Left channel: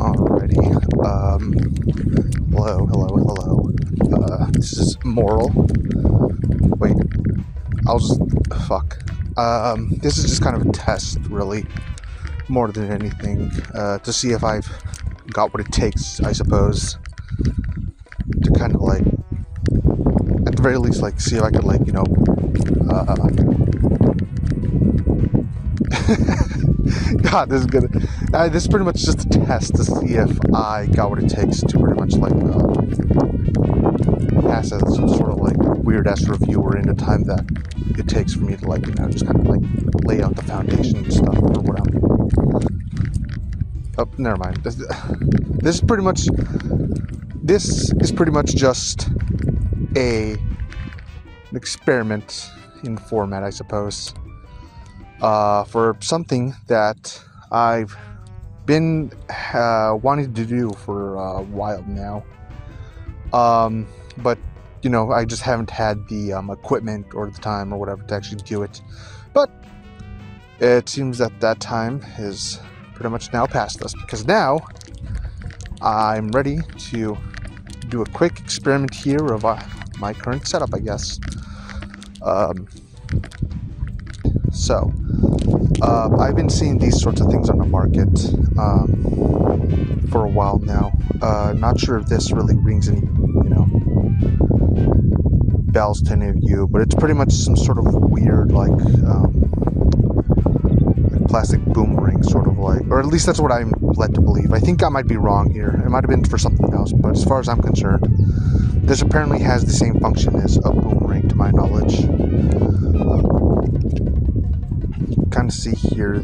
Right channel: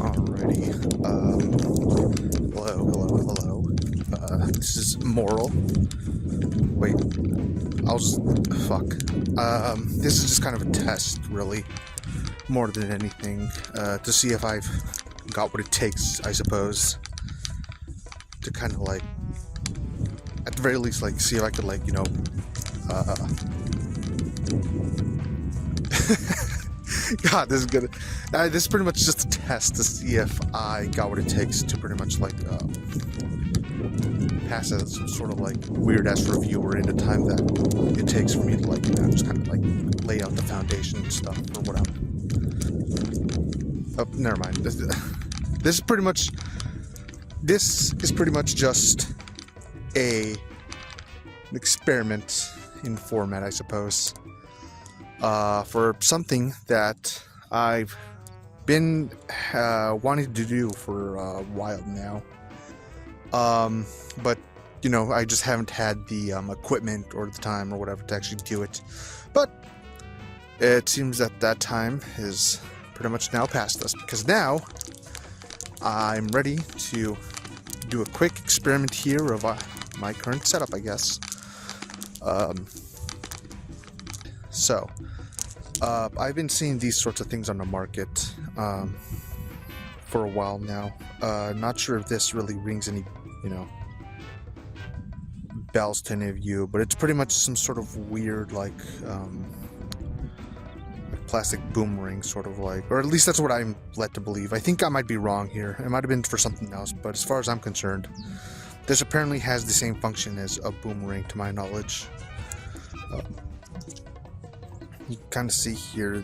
Alrighty. Hello. This is moral. Wait. Fuck. This is just kind of a test, really. More than anything. To see if I've got what it takes, I suppose. To kind of, like, at the very least, like, see if I could, like, you know, God, this is good. This is pretty much just a test to see if I got what it takes to pretty much, like, pass as some sort of, like, weird-ass reviewer in the time that it takes for me to, like, you know, just kind of, like, lay out the foundation and stuff, or whatever. Oh, never mind. This is pretty much just an experiment in format, I suppose. For something that I've been wanting to do for a while now. But, you know, I just haven't had the equipment or the time or whatever to actually do it. But it seems that time is pretty much now past us, because now I'm ready to do a quick experiment here of my current setup, I guess. So, I've been seeing these sorts of things on the market for a while now. Not sure if this really rings any, you know, bells to any of you, but it's pretty much some sort of weird, like, plastic boomerang, sort of like, or at least that's what I'm led to believe. I think I might be wrong here. It might have been for something else, but as far as I'm concerned, this apparently has the same function as a boomerang, to my knowledge. Kind of see here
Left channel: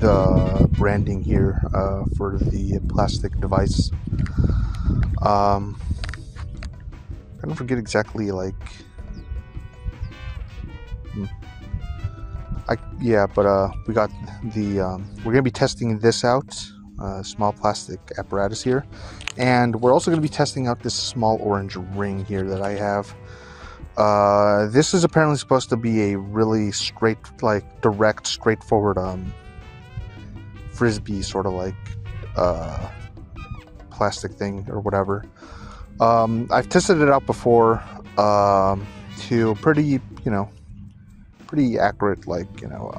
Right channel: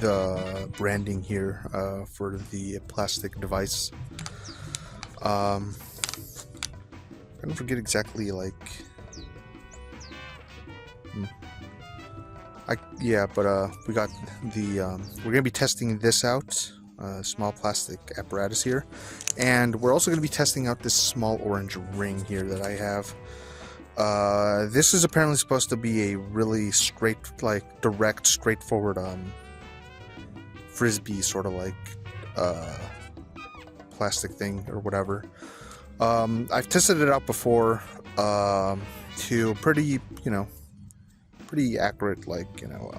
the branding here for the plastic device. I don't forget exactly, like, we got the we're gonna be testing this out, small plastic apparatus here, and we're also gonna be testing out this small orange ring here that I have. This is apparently supposed to be a really straightforward frisbee sort of like plastic thing or whatever. I've tested it out before to pretty accurate, like, you know,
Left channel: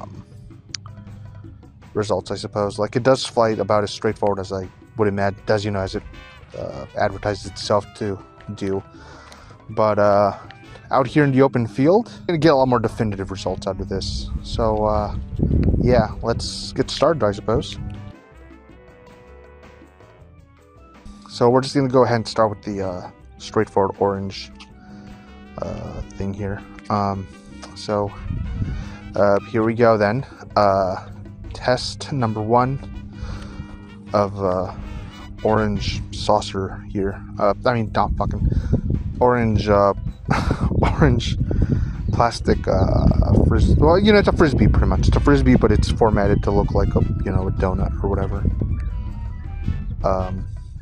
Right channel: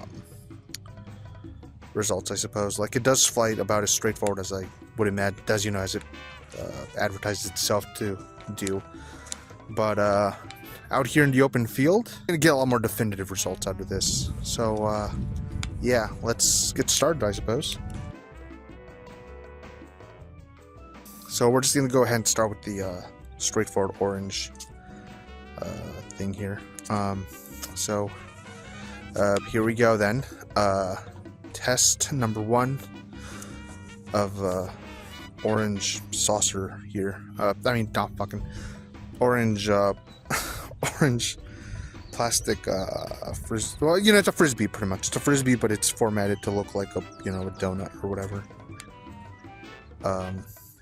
results, I suppose. Like, it does fly about as straightforward as I would imagine, as it advertises itself to do. But out here in the open field, I'm gonna get a lot more definitive results out of this. So yeah, let's get started, I suppose. So we're just gonna go ahead and start with the straightforward orange thing here. So here we go then. Test number 1 of orange saucer here. Orange orange plastic frisbee. Well, you know, it's a frisbee pretty much. It's a frisbee, but it's formatted to look like a, you know, a donut or whatever.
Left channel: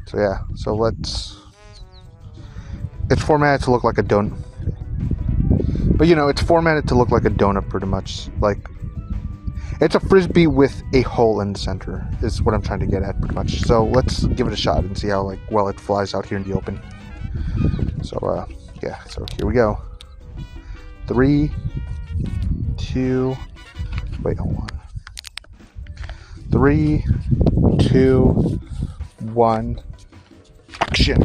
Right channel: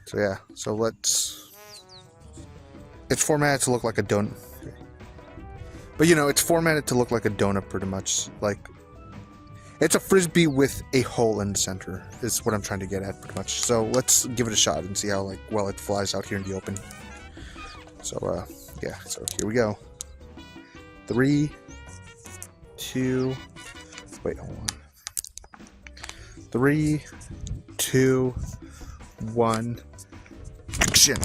So yeah, it's formatted to look like a donut. But, you know, it's formatted to look like a donut pretty much. Like, it's a frisbee with a hole in the center is what I'm trying to get at pretty much. So let's give it a shot and see how, like, well it flies out here in the open. So yeah, so here we go. 3, 2, wait, hold on. 3, 2, 1, action.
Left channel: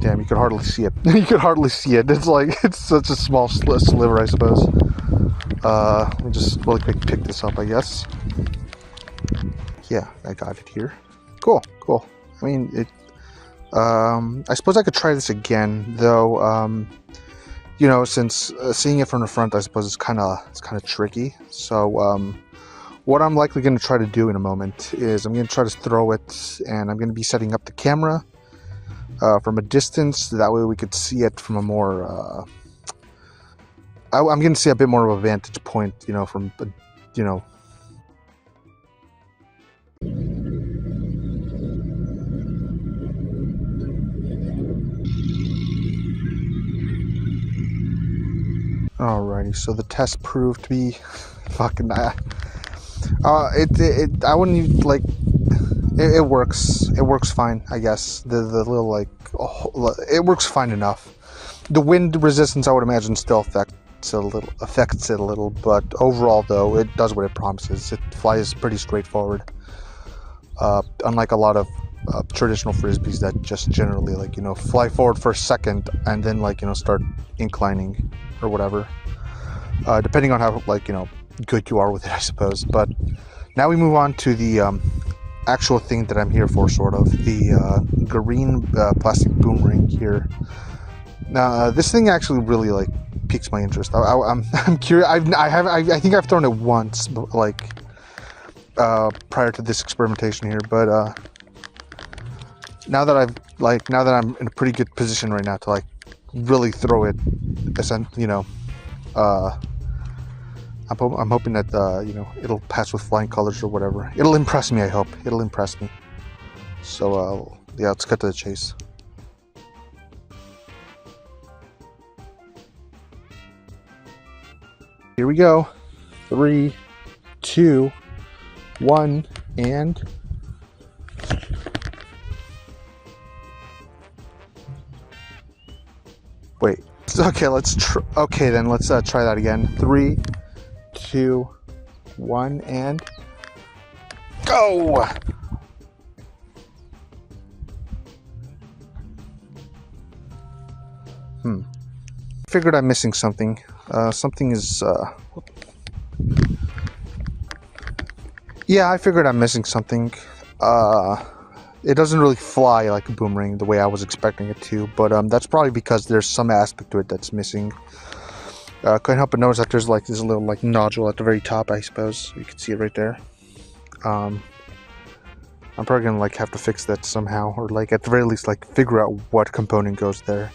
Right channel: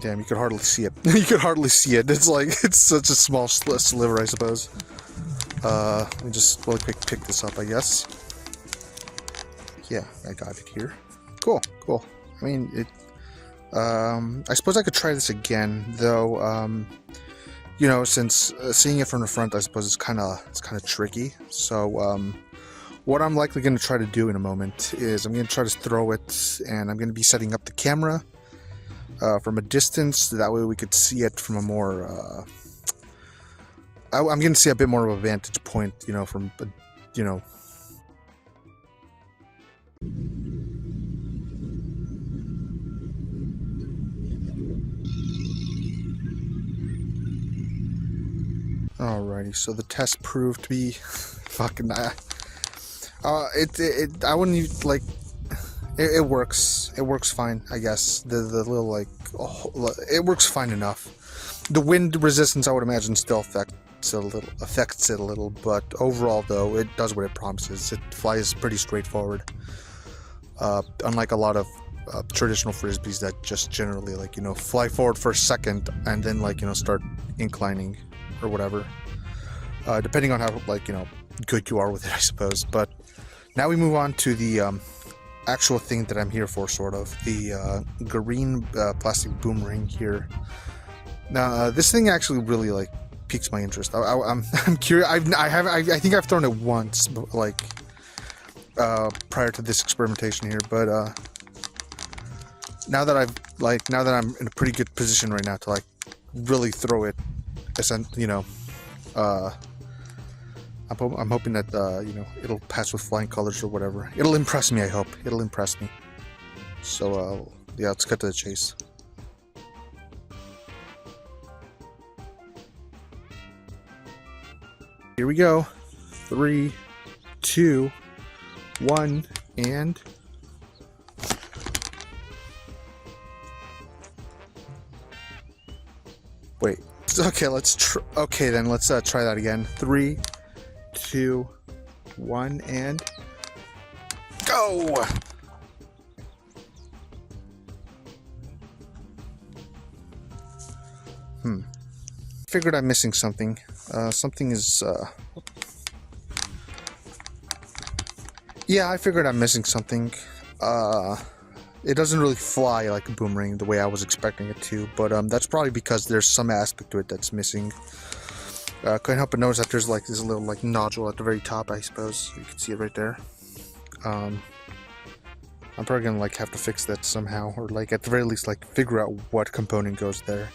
Damn, you could hardly see it. You could hardly see it. It's like, it's such a small sliver, I suppose. Let me just really quick pick this up, I guess. Yeah, I got it here. Cool. I mean, it. I suppose I could try this again, though. You know, since seeing it from the front, I suppose it's kind of tricky. So, what I'm likely going to try to do in a moment is I'm going to try to throw it, and I'm going to be setting up the camera from a distance. That way, we could see it from a more. I'm going to see a bit more of a vantage point, you know, from, you know. Alrighty Alrighty, so the test proved to be fucking. I wouldn't even like. It works. It works fine, I guess. The little like, it works fine enough. The wind resistance, I would imagine, still affects it a little, but overall, though, it does what it promises. It flies pretty straightforward. Unlike a lot of traditional frisbees that just generally, like, you know, fly forward for a second and then, like, you know, start inclining or whatever. Depending on how, like, you know, good you are with it, I suppose. But now we move on to the actual thing that I'm here for, sort of, the green plastic boomerang here. Now, this thing actually really, like, piques my interest. I'm curious. I think I've thrown it once, like, prior to this experimentation here, but now that I'm in a pretty good position right now to, like, really throw it, you know, I'm hoping that you know, it'll pass with flying colors or whatever. It'll impress me. I hope it'll impress me. So yeah, let's cut to the chase. Here we go. 3, 2, 1, and wait. Okay, okay, then let's try that again. 3, 2, 1, and go! Figured I'm missing something. Something is, yeah, I figured I'm missing something. It doesn't really fly like a boomerang the way I was expecting it to, but that's probably because there's some aspect to it that's missing. Couldn't help but notice that there's like this little like nodule at the very top. I suppose you can see it right there. I'm probably gonna like have to fix that somehow, or like at the very least like figure out what component goes there.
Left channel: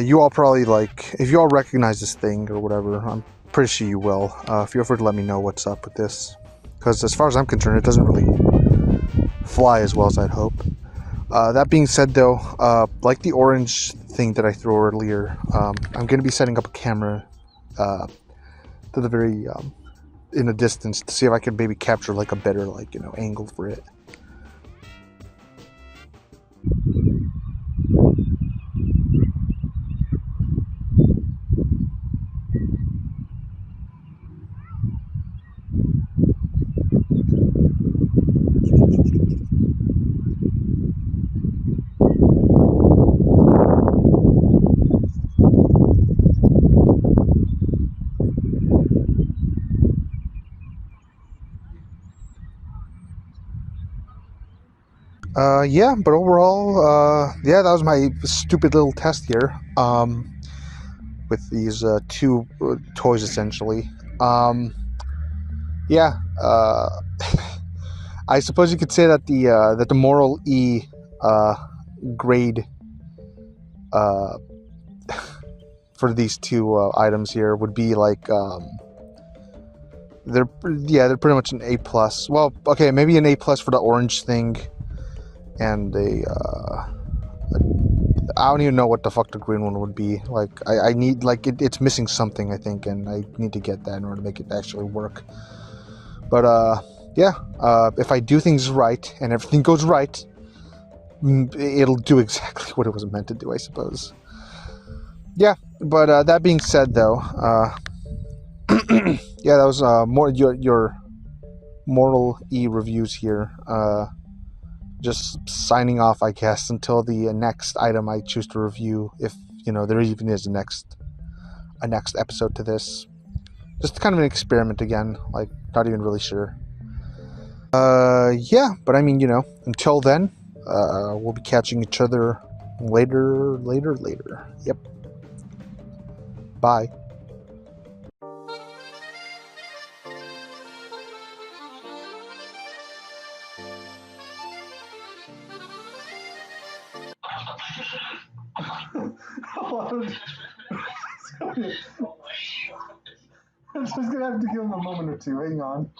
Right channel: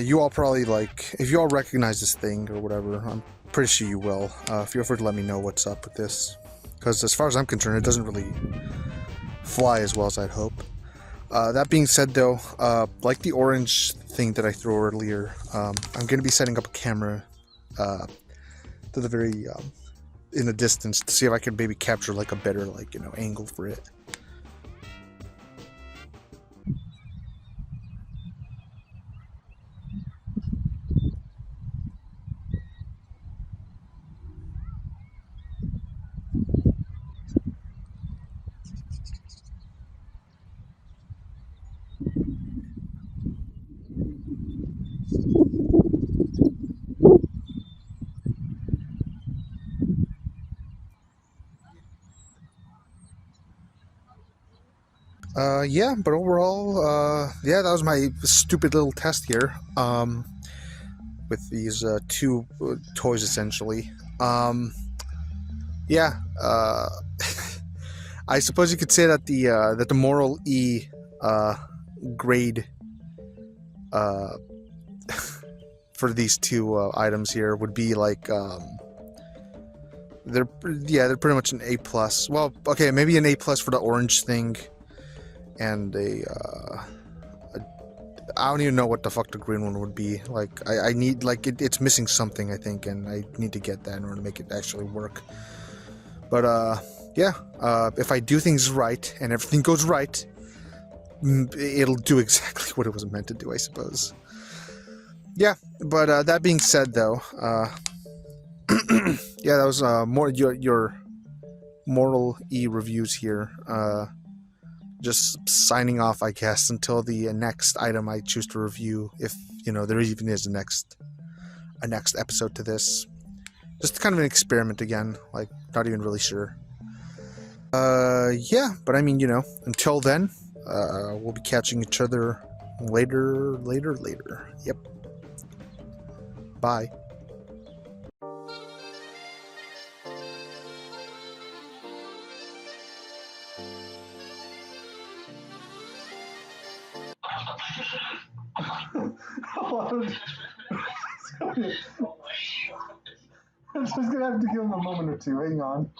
You all probably, like, if you all recognize this thing or whatever, I'm pretty sure you will. Feel free to let me know what's up with this, because as far as I'm concerned, it doesn't really fly as well as I'd hope. That being said, though, like the orange thing that I threw earlier, I'm going to be setting up a camera to the very in the distance to see if I can maybe capture like a better, like, you know, angle for it. Yeah, but overall, yeah, that was my stupid little test here, with these, two toys, essentially. Yeah, I suppose you could say that the moral E, grade, for these two, items here would be, like, they're pretty much an A+. Well, okay, maybe an A+ for the orange thing, and I don't even know what the fuck the green one would be. Like, I need, like, it's missing something, I think, and I need to get that in order to make it actually work. But yeah, if I do things right and everything goes right, it'll do exactly what it was meant to do, I suppose. Yeah, but that being said, though, yeah, that was more your moral E reviews here. Just signing off, I guess, until the next item I choose to review, if, you know, there even is a next episode to this. Just kind of an experiment again, like, not even really sure. Yeah, but I mean, you know, until then, we'll be catching each other later. Yep. Bye. I'm just gonna have to give him a moment or two. Hang on.